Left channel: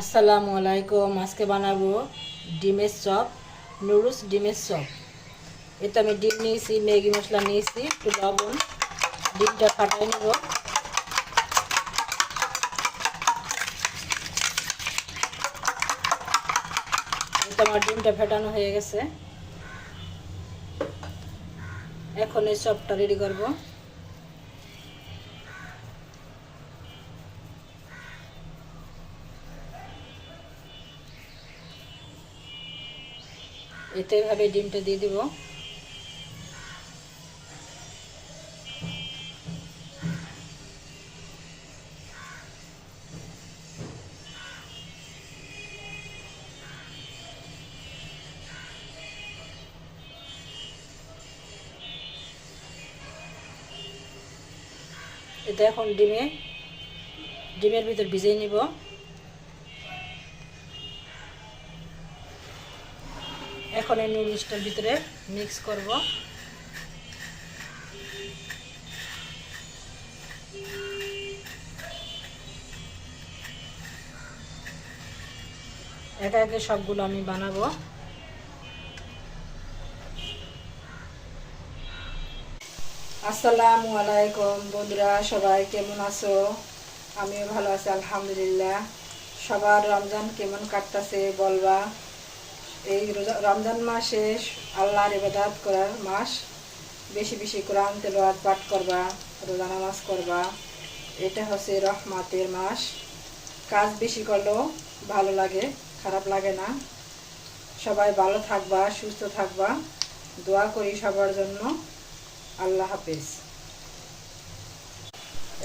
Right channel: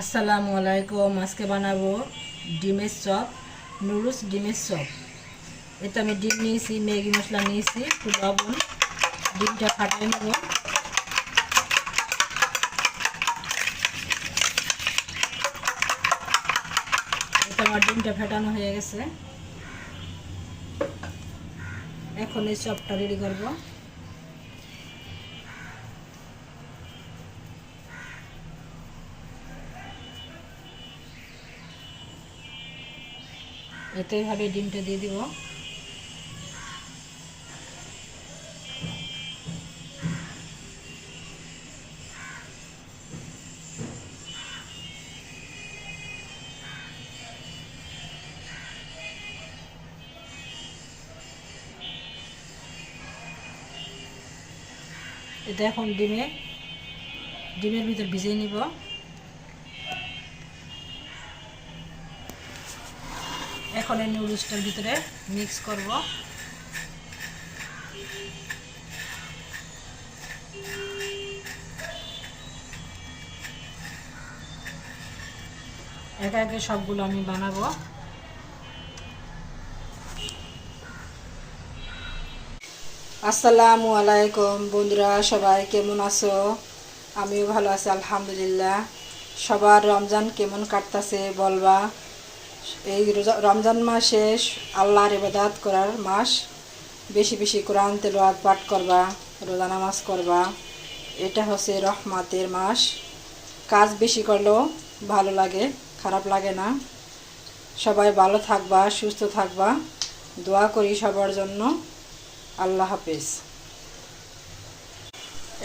আসসালামু আলাইকুম। আজকে বানাবো ডিমের চপ, নুডলস ডিমের চপ। এতে আমি ডিম নিয়েছি, ম্যাগি মশলা নিয়েছি, একটু লবণ, ডিমটা ফাটাই নেব। এটা আমার ডিমটা ফেটানো হয়ে গেছে। এখন এই চপটা রেডি করব। এতে এভাবে ডিমটা দিয়ে দিব। এটা এখন ডিমের ভিতর ভিজিয়ে নিব। এখন এই নুডলসটার ভিতরে মিক্স করব। একে একে সবগুলো আমি বানাবো। আসসালামু আলাইকুম বন্ধুরা, সবাই কেমন আছো? আমিও ভালো আছি আলহামদুলিল্লাহ। সবার রমজান কেমন কাটতেছে বলবা। এই রমজান মাসে আল্লাহর ইবাদত করার মাস। বেশি বেশি কোরআন তেলাওয়াত পাঠ করবা, রোজা নামাজ করবা। এটা হচ্ছে রহমতের মাস। কাজ বেশি করলেও ভালো লাগে, খারাপ লাগে না। সবাই ভালো থাকবা, সুস্থ থাকবা, দোয়া করি সবার জন্য। আল্লাহ হাফেজ।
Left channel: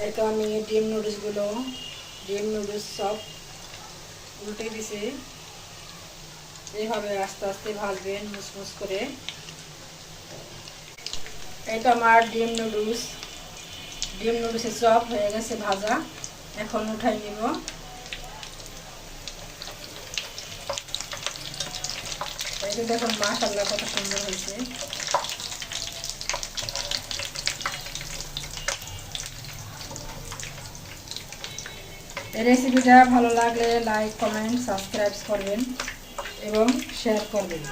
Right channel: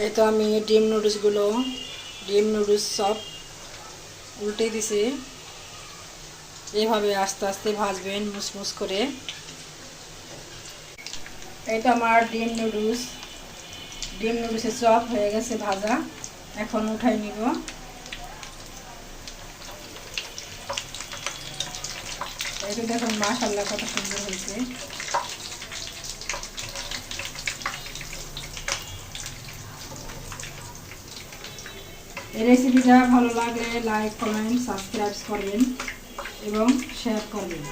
এই তো আমি ডিম নুডলস সব উল্টে দিছি। এভাবে আস্তে আস্তে ভাজবেন মুসমুস করে। এই তো আমার ডিম নুডলসের চপ হয়ে গেছে ভাজা। এখন উঠাই নিব। এই তো দেখুন মাশাআল্লাহ কত সুন্দর হয়েছে। এই রেসিপিটা ভালো লাগলে লাইক, কমেন্ট, সাবস্ক্রাইব করবেন এবং শেয়ার করবেন।